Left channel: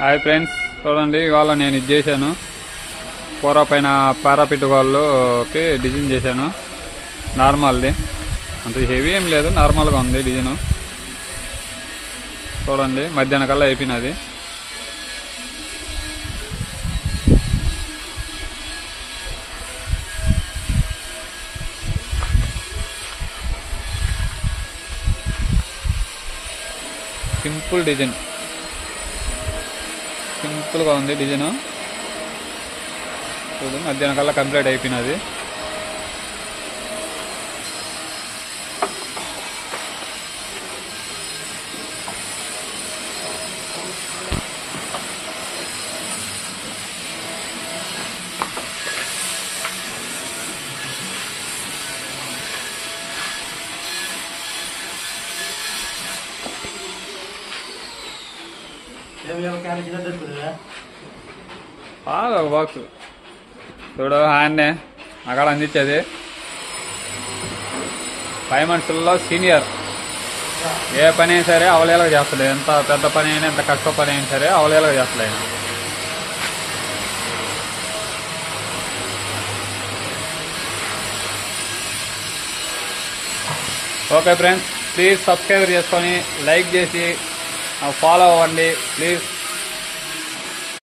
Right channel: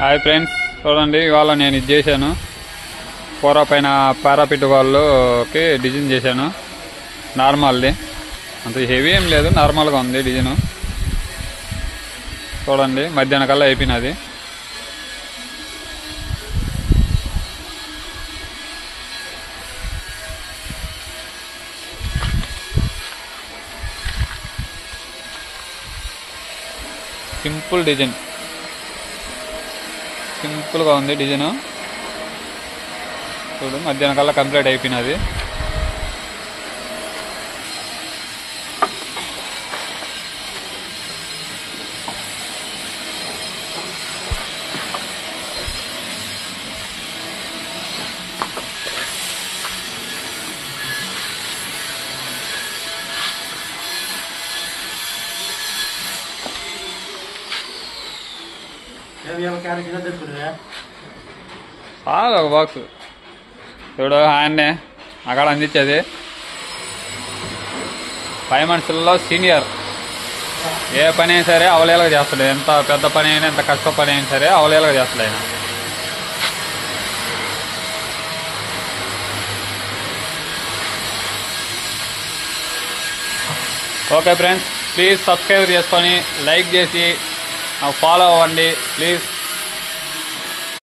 Hi friends, చూడండి ఇవాళ నేను ఇది చేశాను. కూర పైన పారాపిట్ వాళ్ళకి డిజైన్ చేశాను. నార్మల్ది, అంత హెవీ ఏం లేదు, నార్మల్గా ఉంది డిజైన్. చూడండి మధ్యాహ్నం కల్లా అయిపోయినది. సింపుల్ డిజైన్, సింపుల్ గా ఉంది డిజైన్. చూడు మధ్యాహ్నం కల్లా కంప్లీట్ అయిపోయినది. ఒక బాక్స్ చూడు, ఆయన్నే అక్కడ అందించేది. 5 monthsలో సీనియర్. ఏ పని అయినా సరే అవలేలాగా చేస్తాడు. ఎంత పెద్ద పని అయినా, ఎంత కష్ట పని అయినా సరే అవలేలాగా చేస్తాడు ఆయన. ఓకే ఫ్రెండ్స్, ప్లీజ్ సబ్స్క్రైబ్ చేసుకొని లైక్ చేసి ఫాలో అవ్వండి ప్లీజ్.